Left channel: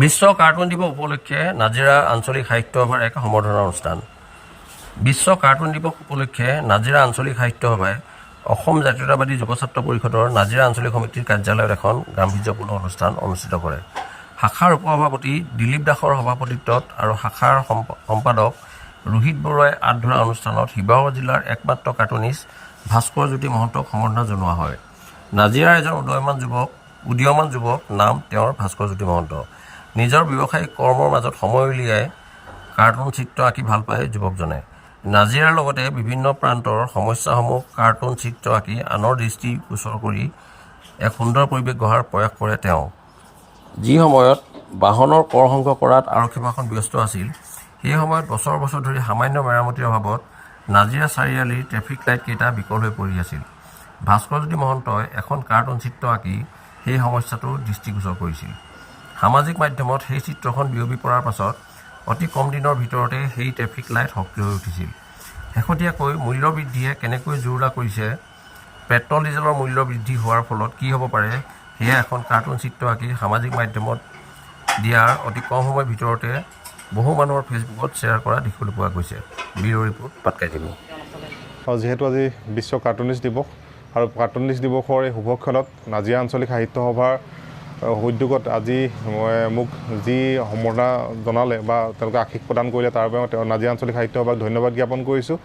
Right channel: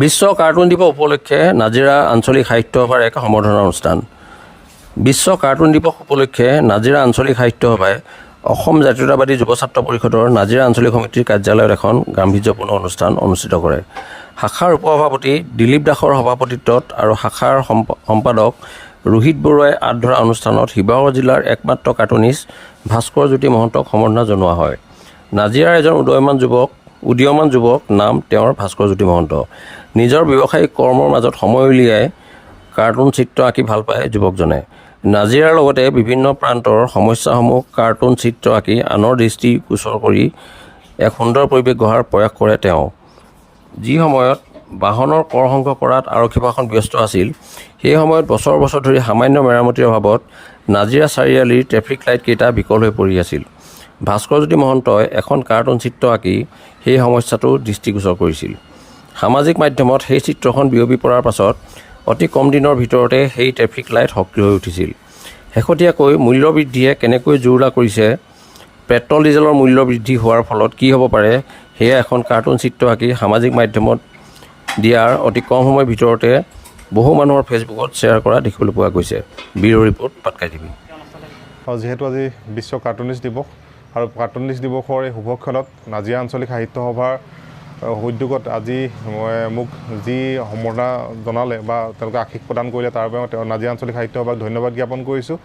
বিশ্ব cartoon দিৱস উপলক্ষে নাজিৰা আঞ্চলিক সাহিত্য সভাৰ এক সম্বৰ্ধনা অনুষ্ঠান। বিশ্ব কাৰ্টুন দিৱস উপলক্ষে নাজিৰা আঞ্চলিক সাহিত্য সভাই অসম জাতীয়তাবাদী যুৱ ছাত্ৰ পৰিষদৰ নাজিৰা আঞ্চলিক সমিতিৰ কাৰ্যালয়ত এখন গাম্ভীৰ্যপূৰ্ণ অনুষ্ঠান অনুষ্ঠিত কৰে। শাখাৰ উপসভাপতি দিলীপ দাসৰ সভাপতিত্বত আৰু শাখাৰ সম্পাদক ৰোহিত বৰুৱাই আঁত ধৰা অনুষ্ঠানত শিৱসাগৰ জিলাৰ একমাত্ৰ কাৰ্টুনিষ্ট ভাস্কৰ জ্যোতি মহন্তক সম্বৰ্ধনা জনোৱা হয়। নাজিৰাৰ এজন উদীয়মান যুৱক নাম তেওঁৰ ভাস্কৰ জ্যোতি মহন্ত। নিজৰ ব্যৱসায়িক কৰ্মৰ মাজত সময় উলিয়াই কাৰ্টুন চিত্ৰ আঁকি ভাল পায় যুৱকজনে। নাজিৰাৰ লগতে বিভিন্ন প্ৰান্তৰ সমস্যাসমূহ কাৰ্টুন চিত্ৰ আঁকি আনৰ দৃষ্টি গোচৰ কৰি এক সুন্দৰ পৰিৱেশ গঢ়াৰ প্ৰয়াস কৰে তেওঁ। যি সময়ত বাহনৰ কৰ সংগ্ৰহ কৰাত আৰক্ষী প্ৰশাসন ব্যস্ত আছিল, সেই সময়ত বছৰ বছৰ ধৰি সামান্য মেৰামতিৰ অভাৱত নাজিৰা চাৰিআলিৰ ট্ৰেফিক লাইটকেইটা বিকল হৈ পৰি আছিল। ভাস্কৰ জ্যোতি মহন্তই এখন কাৰ্টুন চিত্ৰ আঁকি সেই সমস্যাটো দৃষ্টিগোচৰ কৰিছিল। সামাজিক মাধ্যমত সেই চিত্ৰখন বিয়পি পৰাৰ পাছত অতি কম দিনৰ ভিতৰতে সেই ট্ৰেফিক লাইট সক্ৰিয় হৈ উঠিছিল। শেহতীয়াকৈ মূল্য বৃদ্ধিয়ে কেনেকৈ জুৰুলা কৰিছে, পেট্ৰল ডিজেলৰ মূল্য বৃদ্ধি হোৱাৰ ফলত কি হ'ব পাৰে, সেয়া এখন কাৰ্টুন চিত্ৰ আঁকি সামাজিক মাধ্যমত দিয়াৰ অতি কম সময়ৰ ভিতৰতে বহু মানুহৰ ফেচবুকত শ্বেয়াৰ কৰা দেখিবলৈ পোৱা গৈছে। Bureau' report Patkai TV. যিহেতু আজি বিশ্ব কাৰ্টুনিষ্ট দিৱস আৰু কাৰ্টুনিষ্ট দিৱসৰ এই শুভক্ষণত নাজিৰা আঞ্চলিক সাহিত্য সভাৰ উদ্যোগত আজি মোক যি সম্বৰ্ধনা জনালে বা তেওঁলোকে আশীষ প্ৰদান কৰিলে, তাৰ বাবে তেওঁ নাজিৰা আঞ্চলিক সাহিত্য সভাক ধন্যবাদ জ্ঞাপন কৰিছোঁ।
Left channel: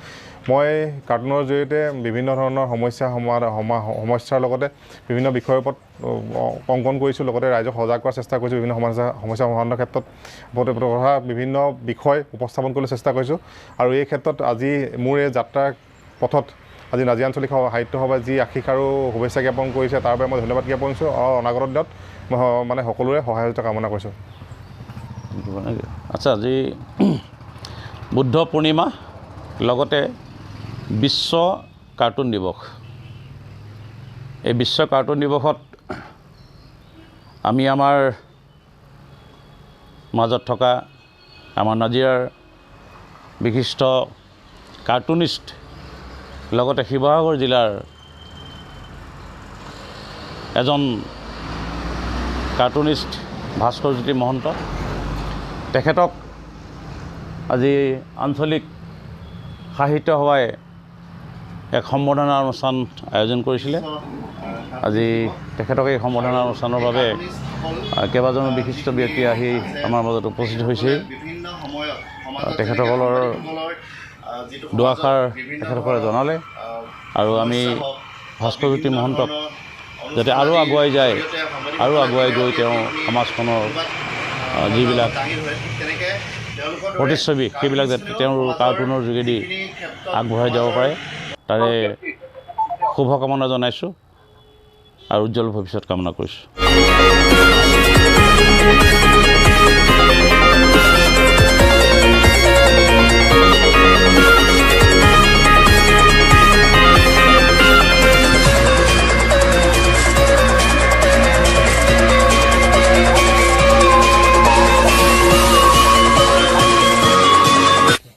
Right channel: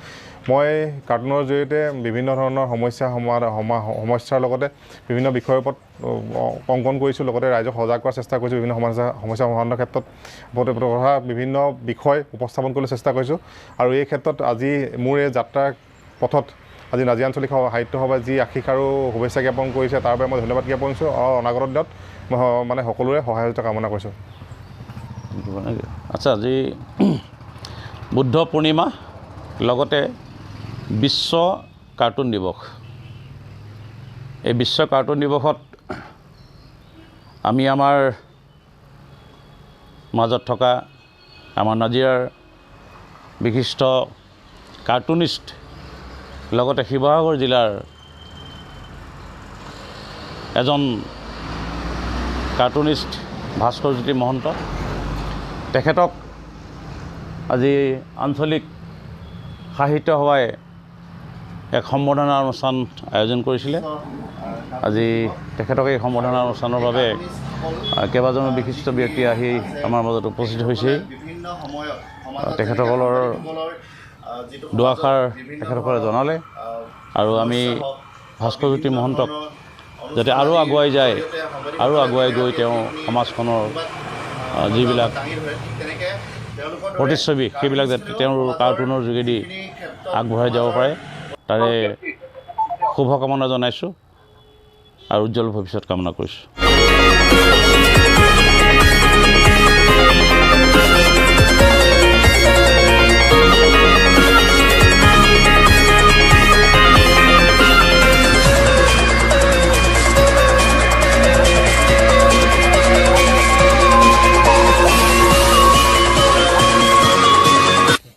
মই কাৰ্টুনৰ জৰিয়তে বিভিন্ন ধৰণৰ সমস্যাৰ লগতে বিভিন্ন বিষয়ৰ ওপৰত অংকন কৰিছোঁ, লগতে ৰাইজক সজাগ কৰাৰ চেষ্টা কৰিছোঁ। বিভিন্ন সমস্যা সমাধানৰ ক্ষেত্ৰত বিভিন্ন বিষয় উপস্থাপন কৰিবলৈ চেষ্টা কৰিছোঁ। আৰু এই ক্ষেত্ৰত আজি মোৰ এই যাত্ৰাৰ পথত আজি নাজিৰা আঞ্চলিক সাহিত্য সভাই যি আশীষ আৰু শুভেচ্ছা জ্ঞাপন কৰিছে, তাৰ বাবে মই ধন্যবাদ জ্ঞাপন কৰিছোঁ। আৰু অনাগত দিনত মই সকলোৰে সহায়তা কামনা কৰিছোঁ। আচ্ছা, আজি বুদ্ধ পূৰ্ণিমা, লগতে বিশ্ব কাৰ্টুন দিৱস। এই বিশ্ব কাৰ্টুন দিৱসত আমি আমাৰ মাজত থকা আমাৰ নাজিৰাৰ বিশিষ্ট কাৰ্টুনিষ্ট, লগতে শিৱসাগৰ জিলাৰ এজন কাৰ্টুনিষ্ট ভাস্কৰ জ্যোতি মহন্ত, তেখেতক আজি আঞ্চলিক সাহিত্য সভাই এক সম্বৰ্ধনা অনুষ্ঠান আয়োজন কৰিছিলে। আজি তেখেতক এই সম্বৰ্ধনা অনুষ্ঠানৰ বাবে কেইবাজনো বিশিষ্ট ব্যক্তি আহি আমাৰ মাজত উপস্থিত হৈছে। তেখেতসকলৰ দুআষাৰ তেখেতসকলে জনালে, আৰু আমি ভাস্কৰ জ্যোতি মহন্তক যাতে আৰু আগুৱাই যায়, আৰু আগুৱাই গৈ তেওঁ সমাজখনৰ যিবিলাক প্ৰতিচ্ছবি সেইবিলাক যাতে তেওঁৰ কাৰ্টুনৰ যোগেদি আগবঢ়াই যাব পাৰে, তাৰে শুভকামনা জনাইছোঁ আৰু উজ্জ্বল ভৱিষ্যত কামনা কৰিছোঁ।